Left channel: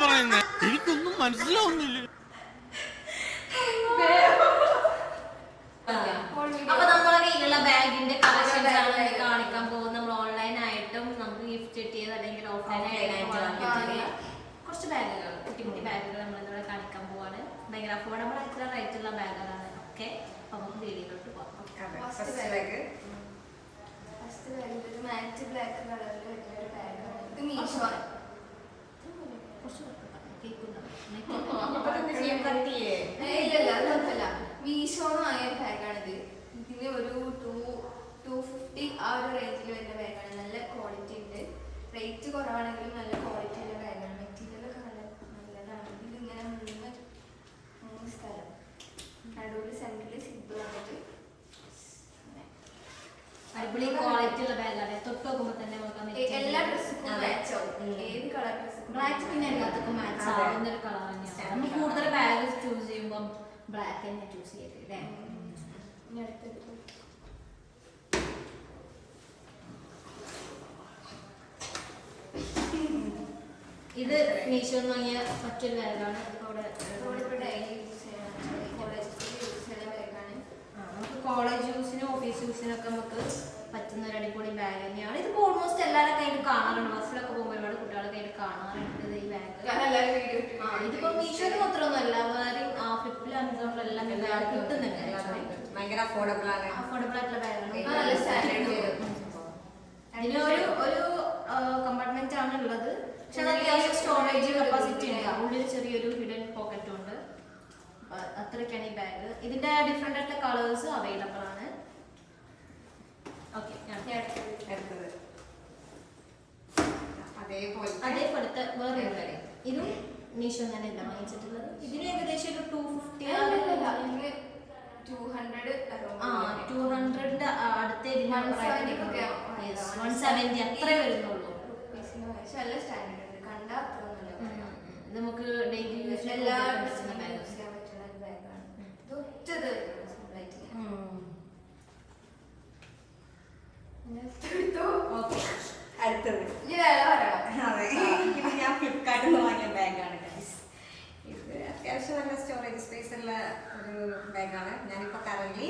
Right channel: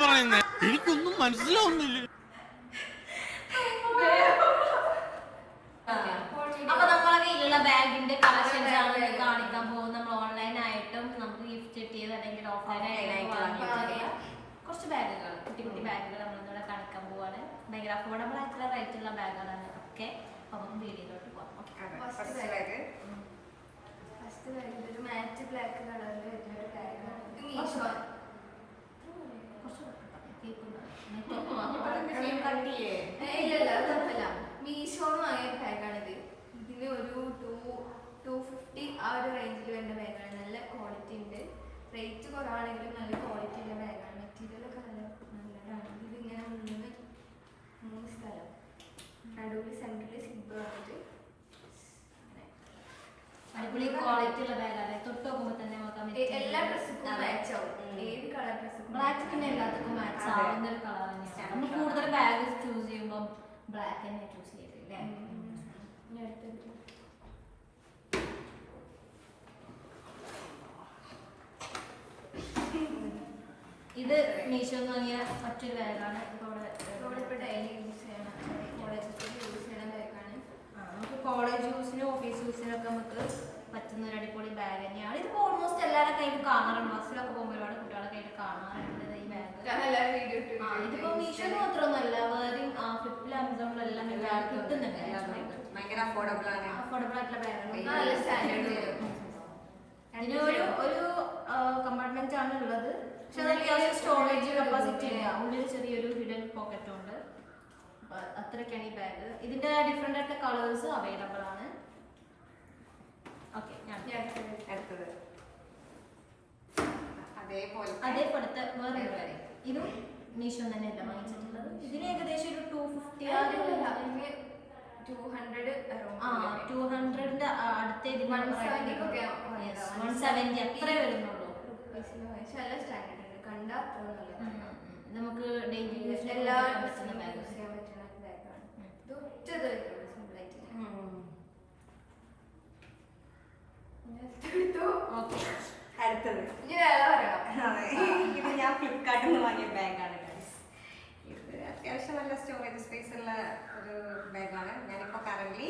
പറയുന്നേ? എനിക്കൊന്നും മനസ്സിലാവുന്നില്ല. അപ്പൊ നമ്മളെ കയ്യിലുള്ള ബാഗിന്റെ കളക്ഷൻസ് ആണ് കാണിക്കാൻ പോകുന്നത്. നമ്മൾ ഓൺലൈൻ ആയിട്ടും നമുക്ക് ഗിഫ്റ്റ് കിട്ടിയത് അല്ലെങ്കിൽ ഓഫ്ലൈൻ ആയിട്ടും വാങ്ങിയിട്ടുള്ള കുറച്ച് ബാഗുകൾ, കുട്ടി കുട്ടി ബാഗുകൾ നമ്മളിവിടെ കാണിക്കാൻ പോവാണ്. ഭയങ്കര അഫോർഡബിൾ ആയിട്ടുള്ള റേറ്റുള്ള ബാഗുകളാണ് ഒക്കെ. അപ്പൊ നമുക്ക് വീഡിയോയിലോട്ട് പോവാം. മാറ്റ് ബ്ലാക്ക് കളറിൽ വരുന്നൊരു ബാഗാണ് ഇത്. മീഷോ ഇല്ലല്ല അത് കുഴപ്പമില്ല. മീഷോന്ന് വാങ്ങിയൊരു ബാഗാണിത്. ഇതിന് ഒരു 250 ആ ഒരു റേഞ്ചിൽ വരുന്ന ബാഗാണ്. നല്ല ക്വാളിറ്റി ഉണ്ട്. റേറ്റ് കുറവാണെങ്കിലും നല്ല ക്വാളിറ്റി ഉള്ള ബാഗാണ്. മെറ്റീരിയലൊക്കെ നല്ലതാണ്. ഇതിലിങ്ങനെ മൂന്ന് സ്ഥലം നടുവിൽ സെൻറ്ററിൽ സിബ് വന്നിട്ട് അടിപൊളി ക്വാളിറ്റി ഉള്ള ബാഗാണ്. തൊട്ട് നോക്കുമ്പോ തന്നെ നമുക്ക് എല്ലാ ഡ്രസ്സുക്കും മാച്ച് ആവും. ഏത് കളർ ഡ്രസ്സും ബ്ലാക്ക് പിന്നെ എല്ലാവർക്കും മാച്ച് ആവുന്ന ഒരു കളർ തന്നെയാണ്. നമ്മൾ കൂടുതൽ ബാഗ് ചൂസ് ചെയ്യുമ്പോൾ ബ്ലാക്ക് തന്നെ ചൂസ് ചെയ്തത് അല്ലേ? ഇത് മീഷോ വാങ്ങിയ മറ്റൊരു ബാഗാണ്. അവിടെ ഡെയിലി യൂസ് ചെയ്യണം, കോളേജ് യൂസ് ചെയ്യണ ബാഗാണ്. നമുക്ക് കോളേജ് യൂസിനും ഓഫീസ് യൂസിനൊക്കെ നമുക്ക് പറ്റുന്ന ഒരു അടിപൊളി ബാഗ് തന്നെയാണ്. ഇതിപ്പോ ഓൾമോസ്റ്റ് എല്ലാവരുടെ കയ്യിൽ കാണാറുണ്ട്. ബസ്സിലൊക്കെ പോകുമ്പോൾ ഒരുപാട് കുട്ടികളുടെ കയ്യിൽ കാണാറുണ്ട് ഈ ബാഗ്. ഇതിപ്പോ മീഷോയിൽ മാത്രമൊന്നുമല്ല, വേറെയും ഫ്ലിപ്പിലും ആമസോണിലെല്ലാം ഈ ബാഗ് കിട്ടുന്നുണ്ട്. ഭയങ്കര അഫോർഡബിൾ ആയിട്ടുള്ള ബാഗാണ്. നല്ല സ്റ്റാൻഡേർഡ്. ഇതിന് ഒരു കമ്പാർട്ട്മെന്റ് ആണ് ഉള്ളത്. പക്ഷെ അത് അത്യാവശ്യം സ്റ്റോറേജ് കപ്പാസിറ്റി ഉണ്ട്. ഉള്ളിൽ ചെറിയൊരു ഹിഡൻ പോക്കറ്റും ഉണ്ട്. അത്രയ്ക്കാണ് ഈ ബാഗ്. ഇതിന്റെ ഡിഫറെന്റ് ആയിട്ടുള്ള കളേഴ്സ് അവൈലബിൾ ആണ്. ഓക്കെ, അടുത്തത് അതേപോലത്തെ വേറെ ബാഗ്. ഇതും മീഷോ തന്നെ അല്ല വാങ്ങിച്ചിട്ടുള്ളത്. ഇതിന് ഏകദേശം ഒരു 250 200ന്റെ അടുത്ത 170 അത്രേ വരുന്നുള്ളൂ. നമുക്ക് ഡെയിലി യൂസ് എല്ലാ പറ്റുന്ന ബാഗ്. അടുത്തത് ഇത് ഞാൻ ഫ്ലിപ്കാർട്ടിൽ നിന്ന് വാങ്ങിയ ബാഗാണ് ഗൈസ്. ഇത് അത്യാവശ്യം നല്ല സ്റ്റോറേജ് സ്പേസ് ഉള്ള ഒരു ബാഗാണ്. ഞാനിപ്പോ കറന്റ്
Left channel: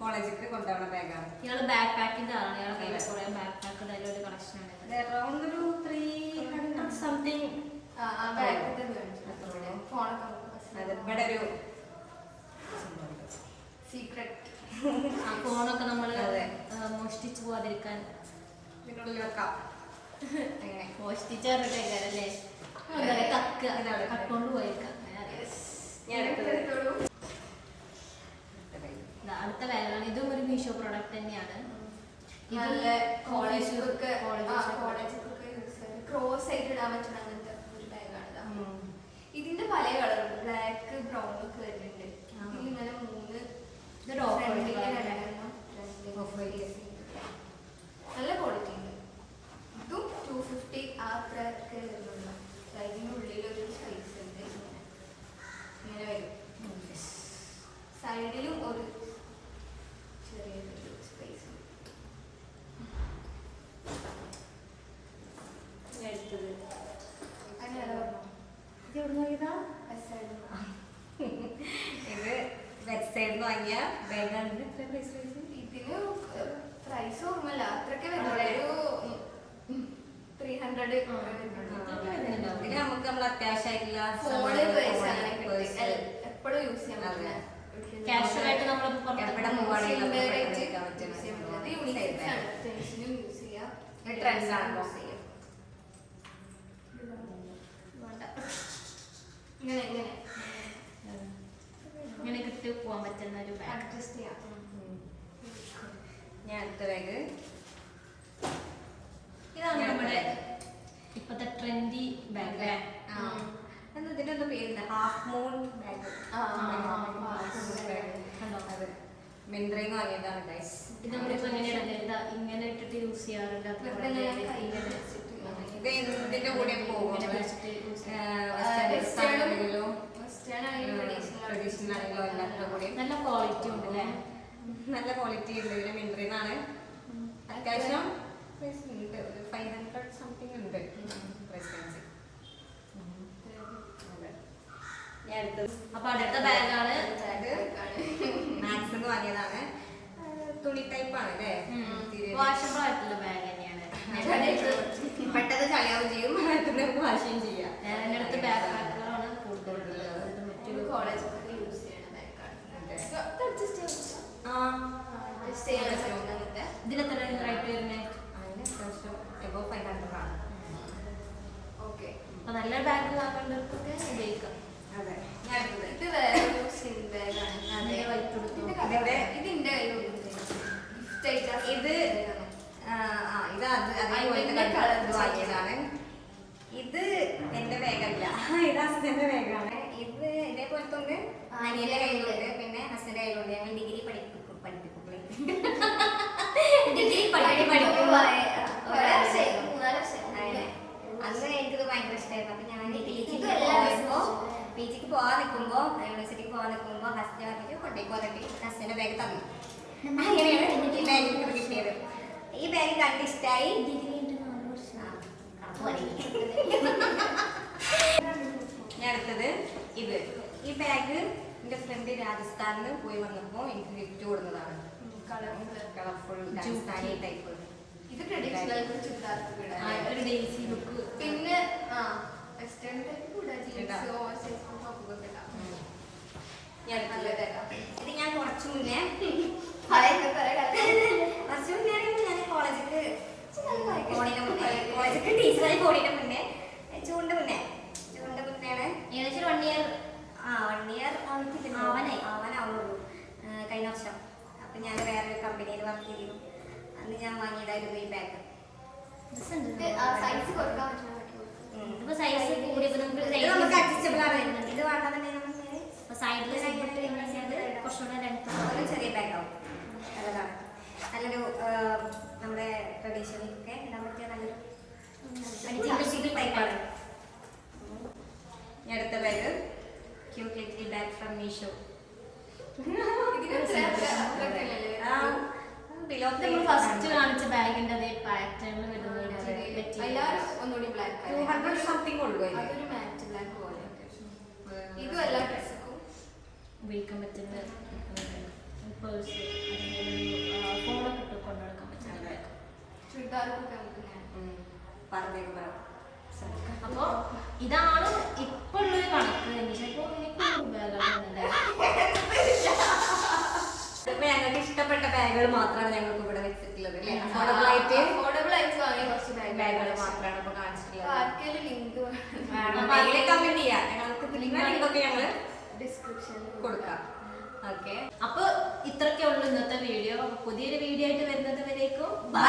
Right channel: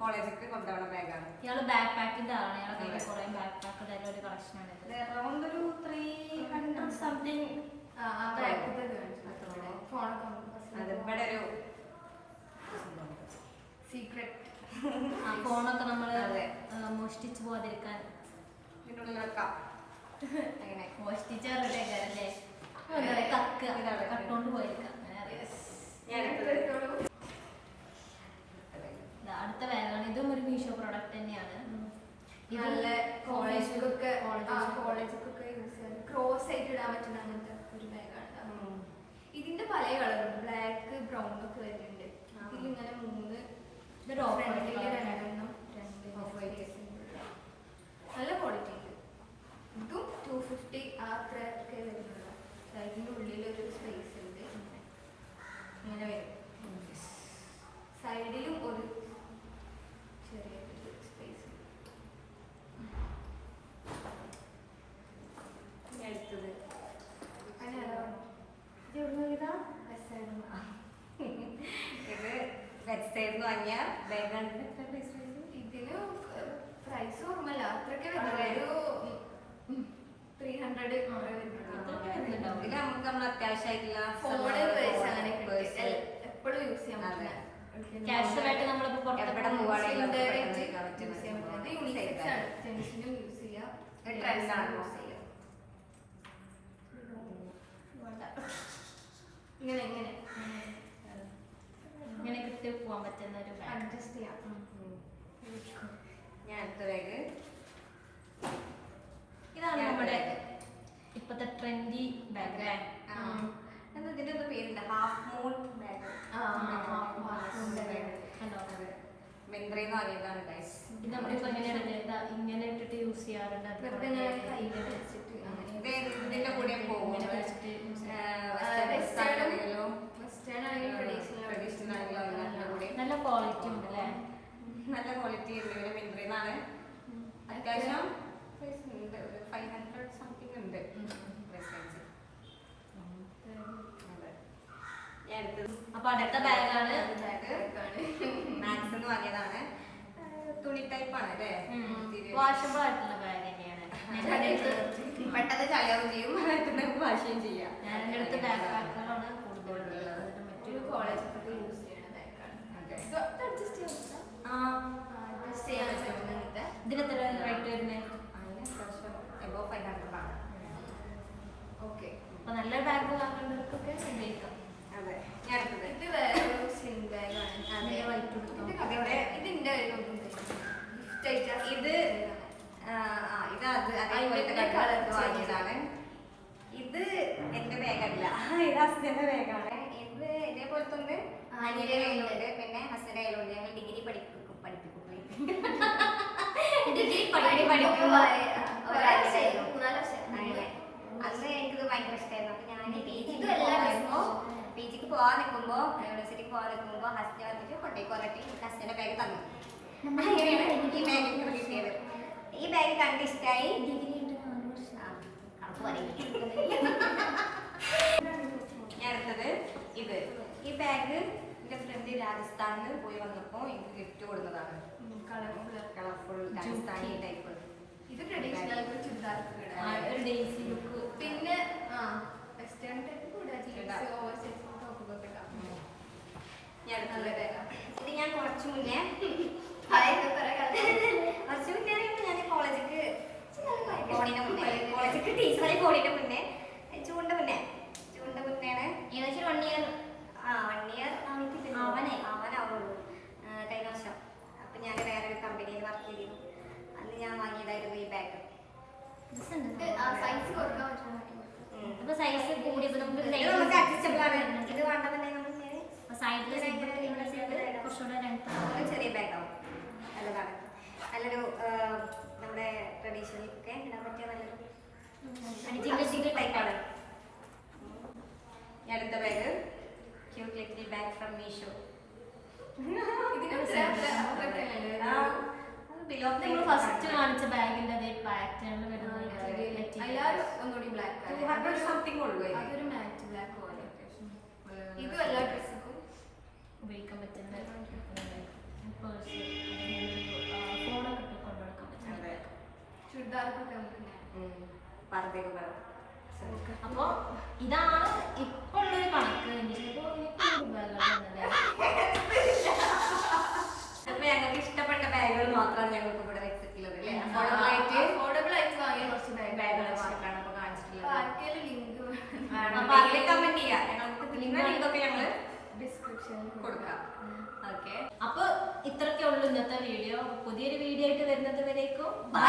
കോളേജിലേക്ക് കൊണ്ടുപോകുന്ന ബാഗാണ്. ഇയാള് ബാക്ക് പാക്കിന്റെ ആണ്. ഇയാളെ കയ്യിൽ കുറെ ബാക്ക് പാക്കിന്റെ ഒരു കളക്ഷൻ ആണ്. അറൗണ്ട് ഒരു 300 സംതിങ്. ഇവിടെ ഒരു സീക്രട്ട് ഫോണൊക്കെ നമ്മള് മോഷ്ടിച്ചു പോകാതിരിക്കാൻ ഇതിനുള്ളിൽ വെക്കാം. അങ്ങനെ മോഷ്ടിച്ച് പറഞ്ഞിട്ടേക്കാരല്ലേ? കട്ടോണ്ട് പോയേക്കാം. അടുത്ത ബാഗാണ്. ഇതും ഒരു മീഷോ പ്രോഡക്റ്റ് തന്നെയാണ്. നല്ല കോളേജിലൊക്കെ യൂസ് ചെയ്യുന്നത് ക്രോസ് ആയിട്ട് ഇടാൻ പറ്റുന്ന അങ്ങനത്തെ ഒരു ബാഗാണ്. ഇതിന്റെ പല കളറുണ്ട്. ബ്ലാക്ക് ബ്രൗൺ ഒക്കെ വരുന്നുണ്ട്. ഇതിലിങ്ങനെ മൂന്ന് നല്ല ക്വാളിറ്റി ഉണ്ട്. ഇതും 250 ആ അത്രയൊക്കെ വരുന്നുള്ളൂ. ഇതിന്റെ ഉള്ളിലൊരു സൈസ് ഉണ്ട്. ഇങ്ങനെ വരും. സൈഡിലും ഒരു ചെറിയ സ്പേസ്. അടുത്തത് അങ്ങനെ പറഞ്ഞു ഇത് വെബ്സൈറ്റിൽ വാങ്ങിയ ബാഗാണ്. ഇതിന് പ്രൈസ് ഓർമ്മല്ല, അത്രയൊക്കെ വരുന്നുള്ളൂ. ഒരു 300 ഇതിൽ നമുക്ക് നമ്മൾ അത്യാവശ്യമായിട്ടുള്ള ഫോണ് എപ്പോഴും യൂസ് ചെയ്യാൻ പറ്റില്ല. കാഷ്വൽ ആയിട്ട് നമ്മളിപ്പോ ഇവിടെ മൂവാടിയിലും യൂസ് ചെയ്യാം. ട്രെൻഡാണോ? ഇങ്ങനെ ഇങ്ങനെ ഇങ്ങനെ കിട്ടി പോകാൻ പറ്റുന്ന ഒരു ബാഗ്. അഡ്ജസ്റ്റ് ചെയ്യാം. ഞാൻ അടുത്ത ബാഗ് ഇതാണ് നമ്മുടെ ഇപ്പത്തെ ട്രെൻഡി ബാഗ് അല്ലേ? എന്താ ഇതിന്റെ എന്താ പേരുണ്ട്? Half moon bag. കണ്ടോ? മിന്ത്രയിൽ നിന്ന് വാങ്ങിയതാണ് ഗൈസ്. ഇത് നമ്മളിപ്പോ എങ്ങനെയാണ് ഇങ്ങനെ ഇട്ടിട്ട് യൂസ് ചെയ്യാറുണ്ട്. ഇതിന്റെ കൂടെ പോകും. നല്ല ക്വാളിറ്റി ഉണ്ട് അല്ലേ? നല്ല ക്വാളിറ്റി ഉണ്ട്. ഇതിന് മിന്ത്രയിൽ നിന്നാണ്. അത്യാവശ്യം 500 സംതിങ് ഉണ്ട്. അപ്പൊ അടുത്ത ബാഗാണ് മാക്സ് എന്ന് വാങ്ങിയതാണ്. തുണി ടൈപ്പാണ് അല്ലേ? വാഷബിൾ ആയിട്ടുള്ള ബാഗ് തന്നെയാണ്. പെട്ടെന്ന് ചളിയാവും ചെയ്യും, പെട്ടെന്ന് വാഷും ചെയ്യാം. ഞാൻ എൻ്റെ അടുത്ത് ബാക്ക് പാക്കുകളാണ് കൂടുതലുള്ളത്. എന്നിട്ട് മറ്റൊരു കോളേജിലൊക്കെ യൂസ് ചെയ്യണ ബാഗാണ്. അഡ്ജസ്റ്റ് ചെയ്യാൻ പറ്റും. ഇതിനെത്ര റേറ്റ് വരുന്നത്? അതിന് അത്യാവശ്യം എബോ 500 ആണ്. ഓക്കെ. അപ്പൊ നല്ല ബാഗ് വാങ്ങേണ്ടവർക്കൊക്കെ ഉപയോഗിക്കാം. അതെ. ഞാൻ എടുത്തത് ഇത് വേറൊരു സിൻ ബാഗാണ്. അതിന്റെ വൈറ്റ് കൊടുത്തു. ഇതിന്റെ ഇത് ഇത് അതേപോലത്തെ കളർ വാങ്ങിയതാണ്. ഇത് എന്റെ ബാഗല്ല, ഇത് ഹസ്ബൻഡിന്റെ ബാഗാണ്. ഇത് ഇതേപോലത്തെ ഒന്ന് അനിയന്റെ കയ്യിലുണ്ട്, പിന്നെ ഹസ്ബൻഡിന്റെ കയ്യിലുണ്ട്. ഞങ്ങൾ ഡിഗ്രി പഠിപ്പിക്കും. ഡിഗ്രി അന്ന് എനിക്കിത് ഭയങ്കര ഇഷ്ടമായിരുന്നു. അപ്പൊ ഞാൻ പി ജിക്ക് പോവാൻ നിൽക്കുമ്പോ, യൂണിവേഴ്സിറ്റിക്ക് പോവാൻ നിൽക്കുമ്പോ ഹസ്ബൻഡ് പറഞ്ഞിട്ട് കൊണ്ടേക്ക് വന്നിട്ട് ഹസ്ബൻഡിന്റെ ബാഗ് തന്നു. അങ്ങനെയാണ് ഈ ബാഗ് കിട്ടിയത്. ഈ ബാഗ് കണ്ട് ഇഷ്ടമായി. ഞാൻ എടുത്തത് ഇത്. ഈ ബാഗ് എന്റെ ഫ്രണ്ട് രാജസ്ഥാനിൽ പോയി വന്നപ്പോ എനിക്ക് ഗിഫ്റ്റ് കൊടുത്തതാണ്. Colourful Rajasthani type. ഇത് ട്രഡീഷണൽ ചുരിദാർക്ക് ഒരു ഡേസി ലുക്ക്. പിന്നെ വെസ്റ്റേൺ ടൈപ്പ് കൂടാ, ജീൻസ് ഓവർസൈസ് ടോപ്പ് ഒക്കെ ഇടാം. ഇത് ഞാൻ കുറച്ചു മുന്നേ ഞാൻ കോളേജിക്ക് കോളേജിക്ക് ടീച്ചറായി പോണിന്റെ മുന്നേ ജൂണിന്റെ മുന്നേയാണ്. ഏകദേശം 1 ഇയർ 1 ഇയർ ആവാനാവുള്ളൂ കഴിഞ്ഞ വർഷം. അപ്പൊ ഞാൻ വേറൊരു കമ്പനിയിൽ വർക്ക് ചെയ്തിരുന്നു. അന്ന് ഞാൻ വാങ്ങിയതായിരുന്നു ഈ ബാഗ്. സൈസ് കൊടുക്കാൻ ഇപ്പൊ സൈസ് കൂടി നമുക്ക് അഡ്ജസ്റ്റബിൾ ആണ്. ഇത് വേണ്ടെന്നുണ്ടെങ്കിൽ സൈഡില് കുറച്ചുകൂടെ ലെങ്ത് ചെറിയ ബാഗ് ആവും. നല്ലതാണ്. നല്ലൊരു നമ്മുടെ ട്രഡീഷണലൊക്കെ ഇടാൻ പറ്റിയ നല്ലൊരു ടൈപ്പാണ്. ഞാൻ അടുത്ത bag cute little bag from Meesho. നമ്മൾ ഫസ്റ്റ് കാണിച്ച ബാഗിന്റെ അതേ പാറ്റേണിൽ വരുന്നത് എല്ലാവരും ഒന്നുകൂടി ബ്ലാക്ക് 200 സംതിങ് ഉള്ളൂ. അതൊരു മാറ്റ് ബ്ലാക്ക് പോലെ ഇതും എല്ലാ ഡ്രസ്സും ഉപയോഗിക്കാൻ പറ്റുന്ന പേഴ്സ്, ഫോണൊക്കെ ഇട്ട് കൊണ്ടു നടക്കാൻ പറ്റുന്ന. ചുരിദാർക്കൊക്കെ നമുക്ക് അപ്പൊ ഇതാണ് ഇപ്പൊ ഉള്ളൊരു കണക്ക്. ഞങ്ങൾക്ക് ഇഷ്ടപ്പെട്ട ബാഗുകൾ മാത്രമാണ് ഞങ്ങൾക്ക് ഇവിടെ വെച്ചിട്ടുള്ളത്. അഫോർഡബിൾ ആയിട്ട് വാങ്ങിയ കുറച്ച് ബാഗുകൾ മാത്രമാണ് ഇപ്പൊ കാണിച്ചിട്ടുള്ളത്. ആർക്കെങ്കിലും ലിങ്ക് കമന്റ് ചെയ്യാം. ഞങ്ങൾക്ക് ലിങ്കൊക്കെ ഞങ്ങള് ഡിസ്ക്രിപ്ഷനിൽ കൊടുക്കാം. ഓക്കെ, അപ്പൊ ഇത്രയൊക്കെ ഉള്ളൂ ഇന്നത്തെ വീഡിയോ. പുതിയൊരു വീഡിയോ ആയിട്ട് വരുന്നത് വരേക്കും ബൈ.